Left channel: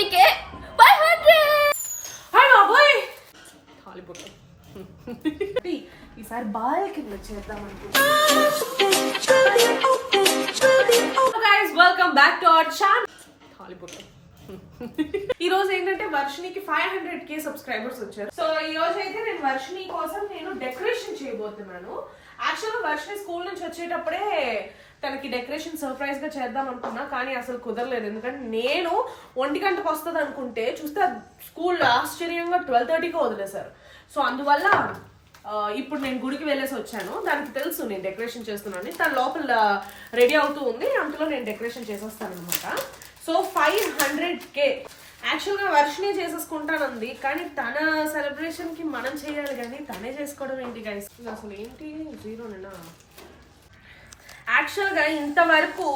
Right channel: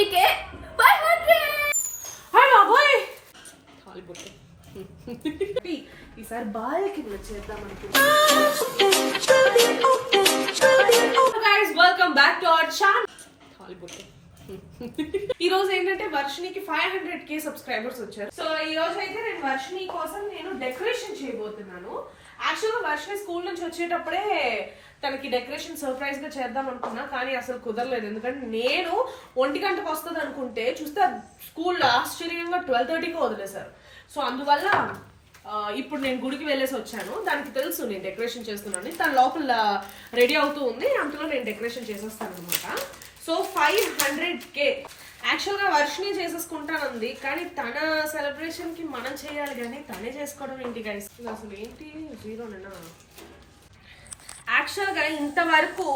450k 500. Hi బాబోయ్ Hollywood ఈసారి బాల్కి చేద్దాం guys welcome back to our channel Hollywood. ఈ రోజు ఏంటంటే వర్షినికి 500k సబ్స్క్రైబర్స్ వచ్చారు. సో ఈ రోజు అయితే నేను వర్షిని కోసం నేను డెకరేషన్ చేయబోతున్నాను. యాక్చువల్ గా వర్షిని స్కూల్ నుంచి వచ్చేటప్పుడే తనకి డెకరేషన్ సర్ప్రైజ్ గా చేద్దాం అనుకున్నా, కానీ అసలు కుదరలేదు. ఎందుకంటే నేను 1 గంటకు వస్తుంది అనుకుంటే చూస్తే స్కూల్ ఆశ్చర్యంగా 12:30కి వదిలేశారు. సో అందువల్ల ఇప్పుడు నేను గుడికి వెళ్ళేసి వచ్చాను. దానికి తెలుసు నేను డెకరేషన్ చేస్తున్నాను. తన లోపల రెడీ అవుతూ ఉంది, అంతలో నేను డెకరేషన్ చేసేస్తాను అనమాట. సో 500k యాక్చువల్గా వర్షిని చేసేసుకుంటానంది, కానీ తన సెలబ్రేషన్ కి మనం చేయాలి కానీ తనే చేసుకోవడం ఏంటి గైస్? అసలు ఏంటి జీరోనేనా? యాక్చువల్గా ఇంతవరకు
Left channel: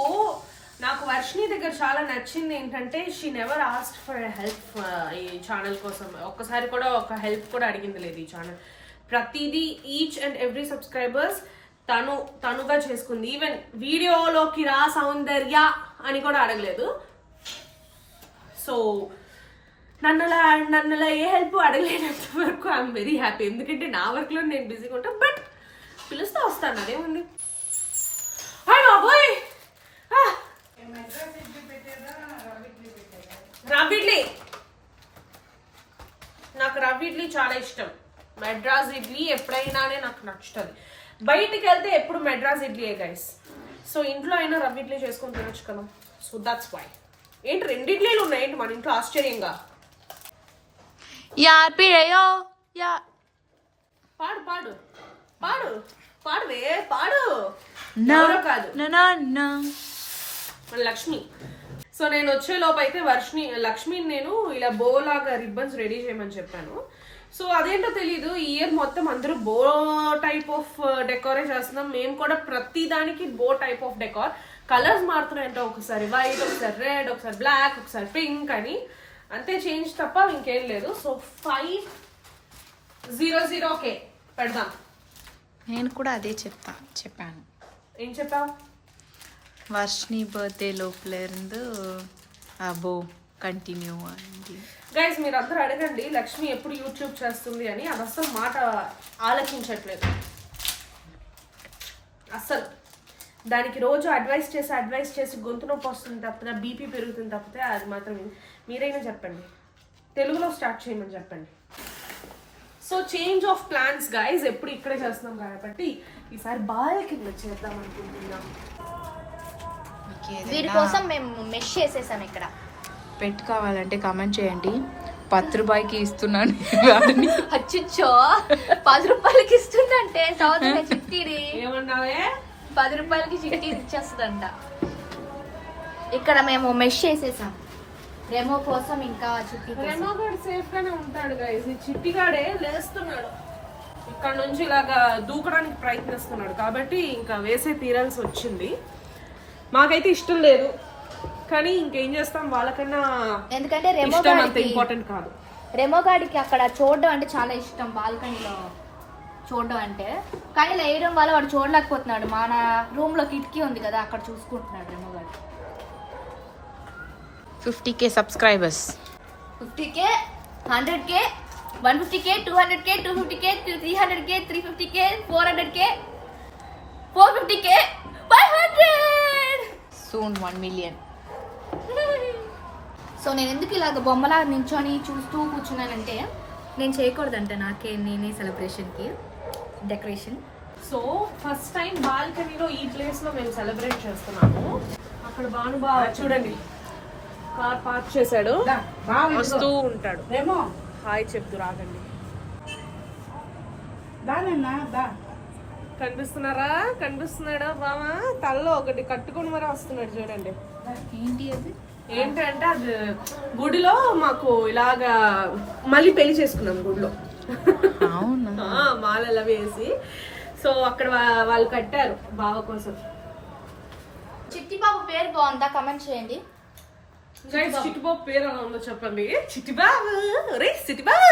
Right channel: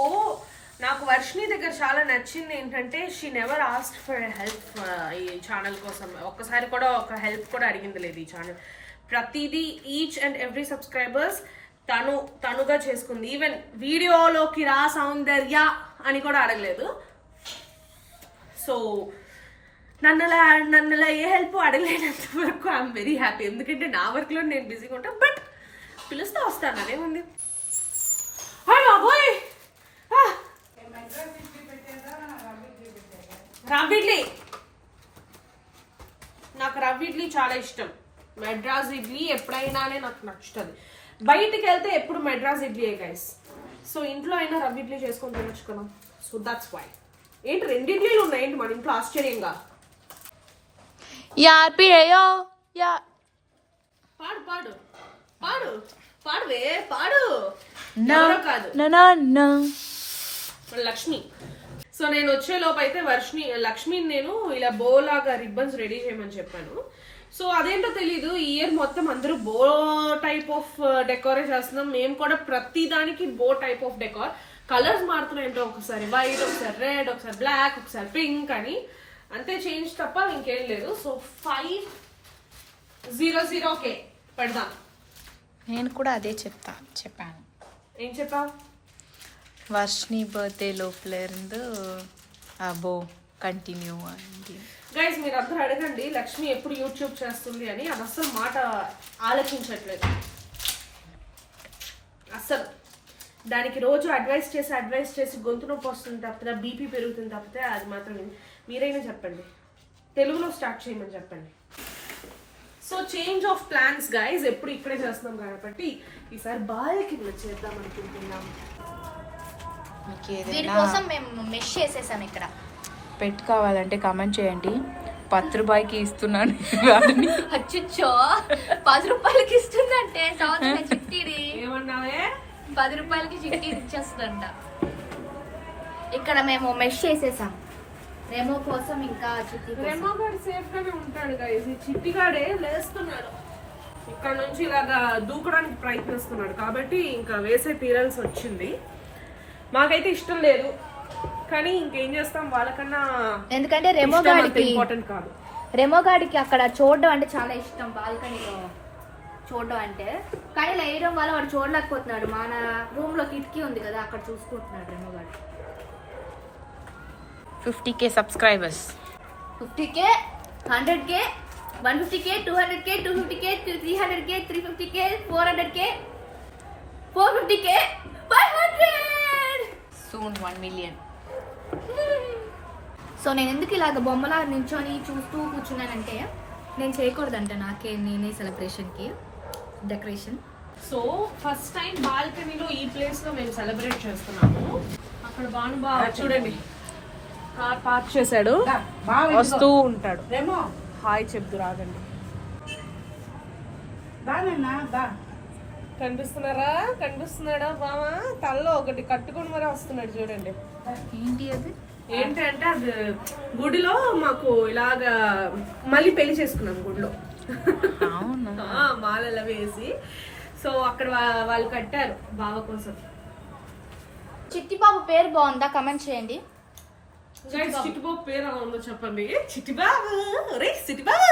నాకు వర్షిని దగ్గర చాలా నచ్చింది ఏంటంటే she never asked for help ఈ ఛానల్ కోసం. ఒక్కసారి కూడా ఒక హెల్ప్ కూడా అడిగింది లేదు ఈ ఛానల్. ప్రతిదీ ఈచ్ అండ్ ఎవ్రీ సబ్స్క్రైబర్స్ తనుగా చేసుకుంది. ఈవెన్ వీడియోలోకి రా సౌందర్య అని కూడా అడగలేదు. సో నన్నులా ఏ హెల్ప్ అడగలేనంత వరకు ఐఎమ్ వెరీ హ్యాపీ. ఎందుకంటే నా వర్క్లో నేను బిజీగా ఉంటాను, బట్ పిలుస్తా వస్తాను, అదేముంది. హాయ్ బాబోయ్ రవ్వ ఇడ్లీ, నాకు రవ్వ ఇడ్లీ చాలా ఇష్టం. మెడ్రాస్ ఇడ్లీ ఎప్పుడైనానే నాకు నచ్చుతుంది. బయటికి వెళ్తే ఎప్పుడు మెడ్రాస్ ఇడ్లీ గైస్. సో ఇంట్లో అయినా రవ్వ ఇడ్లీ చేసుకొని తినొచ్చు కదా. So that's why. ఏంటి 2 ఇడ్లీలు ఉన్నాయేంటి మన ఇంట్లో ఆశ్చర్యంగా? పాడు పాడు పాడు పాడువే పాడు. కాదు లక్ష్మి. సో నేను వచ్చే లోపు అయితే లక్ష్మిని నేను ఇలా బోలాగా రిబ్బన్స్ రెడీ చేయమని చెప్పాను. సో అదేంటో తెలీదు, ఈ ఇయర్ మొత్తం అందరూ బో టైప్ ఆఫ్ డెకోరే చేస్తున్నాం. మేము కూడా ప్రతి దానికి బో టైప్ ఆఫ్ డెకోర్. కలర్స్ మారుతున్నాయంటే ఒకసారి వైట్, ఒకసారి రెడ్, ఒకసారి బ్లాక్, ఒకసారి పింక్ అని, అంతే చేంజ్ తప్ప ఇంకేం లేదు. సో 500k పెడదాం. నేను కూడా అదే చెప్పాను. ఏం చెప్పావు? వర్షిని బర్త్డే లోపల అబో కంటిన్యూ అయింది. గైస్ మీరు అందరూ అడగండి లక్ష్మి ఎప్పుడు యూట్యూబ్ చేస్తుంది అని. అది అసలు మాట ఆలోచించట్లేదు అస్సలు. దానికి రోజు అడ్వైస్ చేసి గొంతు నొప్పి వస్తుంది తప్పితే, బీపీ పెరుగుతుంది తప్పితే అది మాత్రం మీరైనా చెప్పండి, తెలుగులో స్టార్ట్ చేయమని చెప్పండి. So change of plans guys. ఎప్పుడు ఇక్కడే చేస్తున్నాం కాబట్టి ఈసారి బాల్కి చేద్దాం అనుకుంటున్నాం. దీనికోసం మేము మెష్ చేసేసాం. ఇక్కడ పెట్ కావాలంటే కామెంట్ చేయండి. 10 రూపాయలకి ఇస్తున్నాను. అచ్చిచ్చో 10 రూపాయలకి ఇస్తుందంటే చిట్టిది ఏమన్నావే? 10 రూపాయలకి చిట్టి ఇచ్చేస్తుందంట. ఇక్కడ మేము మెష్ చేసేసాం రెమో కోసం. ఇంకా చిట్టి రెమో గాడు సేఫ్ గానే ఉంటాడు గైస్. ఈ చిట్టిగాడే లేస్తున్నాడు, ఇక్కడ నుంచి ఇలాగా దూకడానికి ప్రయత్నిస్తున్నాడు కాబట్టి ఇంకా వేసే తీరాల్సి వచ్చింది. మాకైతే ఇష్టం లేదు, కానీ ఇంకేం చేస్తాం, వాళ్ళకన్నా. ఎందుకంటే ఇంపార్టెంట్ కాదు. రెమో గాడికి అక్కడ చూడడం అంటే చాలా ఇష్టం, బాల్కనీలో చూడడం అంటే. కానీ ఇలా వేయడం వల్ల వాడు చూడలేకపోతున్నాడు. మన రూమ్ లో కిటికీ ఉంది కదా, అక్కడ చూసుకుంటున్నాడు రెమో గాడు. 50k subscribers. 50k 100k 150k 200k 250k 300k 350k 400k 450k 500. Soon 1 million. So నేను ఎందుకు ఇలాగ బొమ్మలా నించొని చూస్తూ కూర్చున్నానంటే, నేను చేయకూడదంట నేనే సెలబ్రేషన్కి డెకరేషన్. సో ఫస్ట్ టైం బాల్కనీలో ఈ ప్లేస్ లో మేము సెలబ్రేట్ చేస్తున్నాము. అక్కడ బాగా చూడండి, కార్ పార్క్ చేశాడు, వస్తూ ఉంటాడు. హాయ్ చెప్తూ రాగండి. కనిపిస్తున్నాడా బామా? తలలో ఒకటి కట్టుకుని మరి వస్తున్నాడు చూడండి. ఏంటి అది? ఏంటంటే అది గుడిలో మాకు ఇలాగా మళ్ళీ పెళ్లి చేసుకున్నాం గుడిలో. అవునా? మాలలా వేసి. సో అక్కడ వాళ్ళు కట్టారు బావ కోసం. చిట్టిబాబు పేరు బాగుందా? కమెంట్ చేయండి. చిట్టిబాబు పేరు అలా ఉందో చెప్పండి. చిట్టిబాబు రే చిట్టిబాబు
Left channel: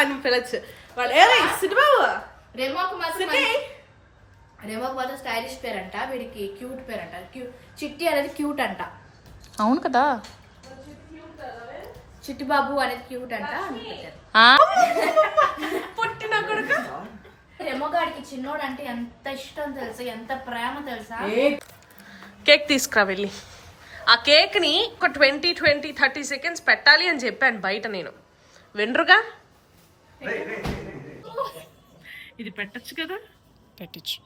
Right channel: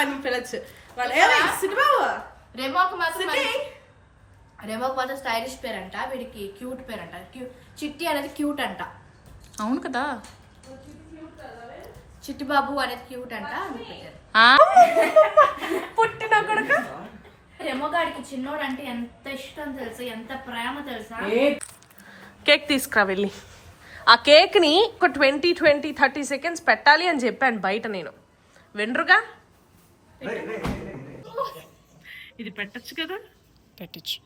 అని పిలచ్చు వాళ్ళు. చిట్టిబాబు రెమోకి మాత్రం స్టైలిష్ పేరు అంట, వీడికి క్యూట్ పేరు అంట. చిట్టి అనేది క్యూట్ అంట. అవును కదా. చిట్టిబాబు అనేది క్యూట్ అంట అందుకు పెట్టారు. పుట్టిన కొడుక రెమ్మగాడికి చిన్నోడు అంటే ఎంత ఇష్టం తెలుసా, ఎంత ప్రేమ తెలుసా. కేక్ తీసుకురా వెళ్ళి. ఆ కేక్ని ఒక 20-30 సెకండ్స్ పెట్టాలి అని చెప్పాను బయట. నేను వెండ్రుగా ఇది పెట్టచ్చు కదా. పెట్టచ్చు.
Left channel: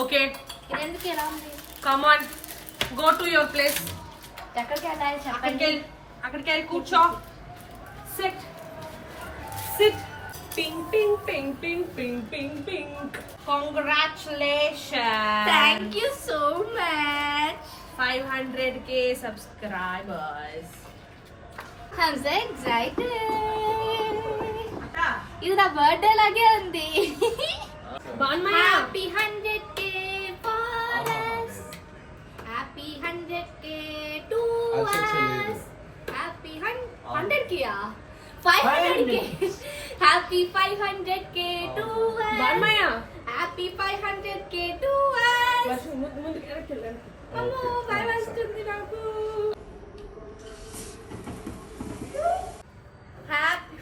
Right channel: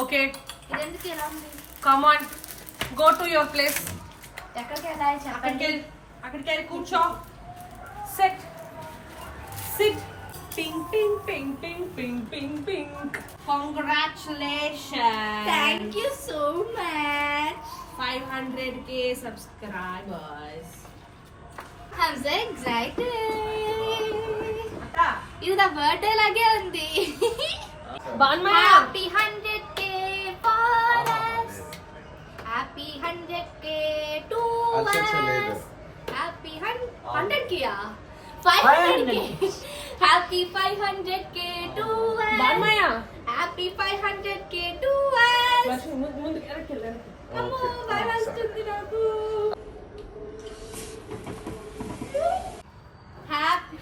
ఓకే ఇది ఎందుకు ఎలా ఉంది? Come on, go to your place. ఎక్కడికి వెళ్ళాలి చెప్పండి. అక్కడికి వెళ్ళి కూర్చో. Set sit. Ping ping ping ping ping ping ping. Congratulation. Thank you so much. 500k subscribers. I'm so excited. ఇది నా బర్త్డే లాగే ఉంది. Happy 100k for us. Happy 100k to us. Happy 100k 500k. Happy 500k to us. బాన్మయ్య happy 500k to us. ముందు correct వెళ్ళండి. అమ్మో భయం వస్తుంది నాకు. హ్యాపీ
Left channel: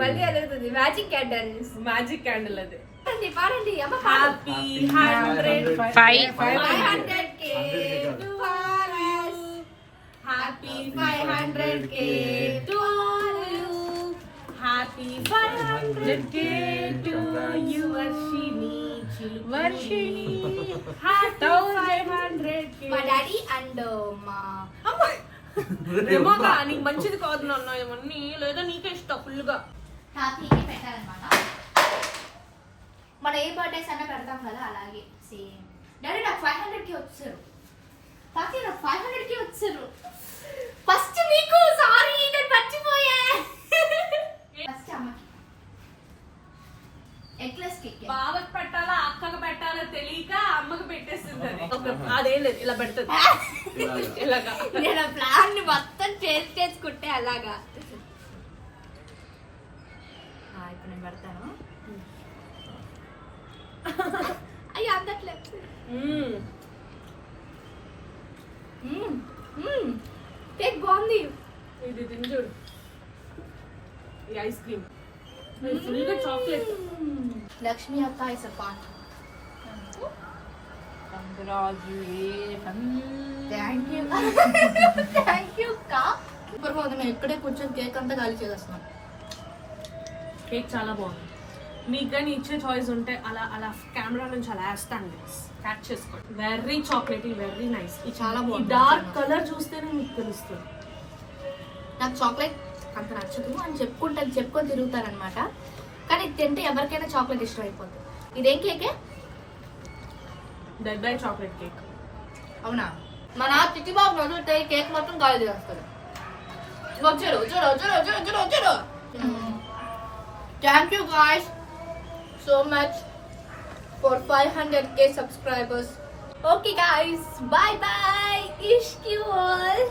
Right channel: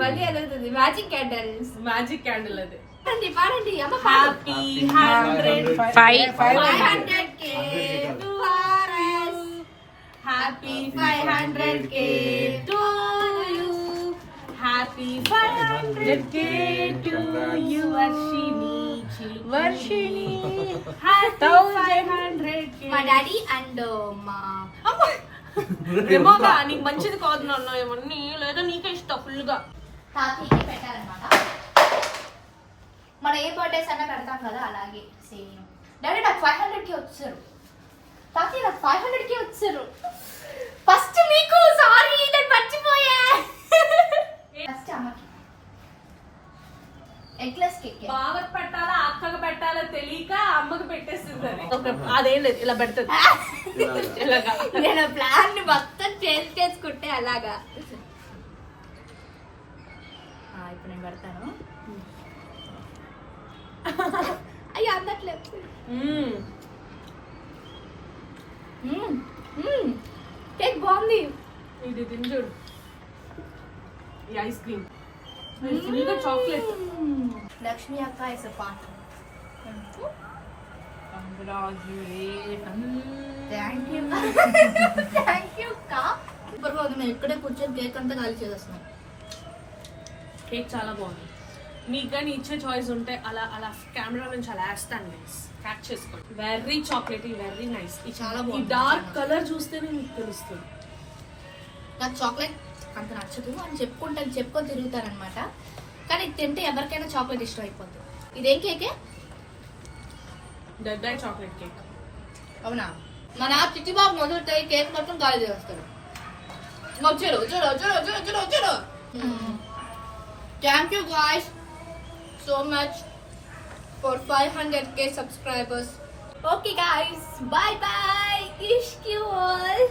మళ్ళీ ఎదుగుతుంది. Magic candles. మ్యాజిక్ క్యాండిల్ అది. పాడండి పాడండి అమ్మ. Happy 500k to us. Happy 500k to you. Happy 500k to you Varshini. Varshini 1500k. మా డాడీ అండ్ మా ఏమోగా నీకు మంచిది కాదు నాన్న ఏమన్నీ, లేదా నీకే ఇస్తా ఫుల్ గా. తాతయ్యకి పెట్టాలన్నమాట. మనం ఏ బర్త్డేస్ అన్నా పెడతాం కదా అలాగే సేమ్. డాడీ నాకు 500k వచ్చారు. తాతయ్య నాకు 500k వచ్చారు. ఫస్ట్ మీకు సారీ నేను మర్చిపోయా. ఫస్ట్ అమ్మకి ఎగ్లెస్ కేక్. బావకి పెట్టాలా అక్కకి పెట్టాలా తెలియక అమ్మకి పెట్టేస్తుంది అది. అదేం లేదు ఇలా పెడుతుంది. ఇలాగా నేను ప్లాన్ ని మొత్తం చేంజ్ చేసుకుంటే అలాగా. ఇప్పుడు నేను పెడతాను. అయ్యో అందట్లేదు. కేక్ బాగుంది. ఇది తిని చూడు. ఈ ఐస్ క్రీమ్ ఫుల్ గా చాక్లెట్. లక్ష్మి అక్క is a part. Thank you thank you అక్క. ఇప్పుడు నేను ఇక్కడే కూర్చొని కేక్ అంతా ఖాళీ చేసేస్తున్నాను. కేక్ చాలా బాగుంది. మీకు కానీ ఇచ్చే చాయిస్ ఉంటే అలా అలా కెమెరా నుంచి అలా వేస్తాను గైస్. క్యాచ్ చేసుకోండి. Very chocolate, very nice. ఇది చాలా బాగుంది. డార్క్ కలర్ చూస్తేనే మీకు తెలుస్తుంది. నాకు చాక్లెట్ అంత నచ్చదు అని చెప్పుకొని తిరుగుతారనమాట. కానీ ఇది తింటే ఎవరికైనా చాక్లెట్ ఇష్టం అయిపోతుంది. ఇదేం కేకే? Dead I chocolate cake. అవునా? మన చిట్టిబాబు నడుగుతే కేక్ మొత్తం గాలి చేస్తాడు. వచ్చారు వచ్చారు వచ్చారు వచ్చారు వచ్చారు వచ్చారు. Thank you guys so much for 500k subscribers. Okay guys, bye bye. Ishq you all.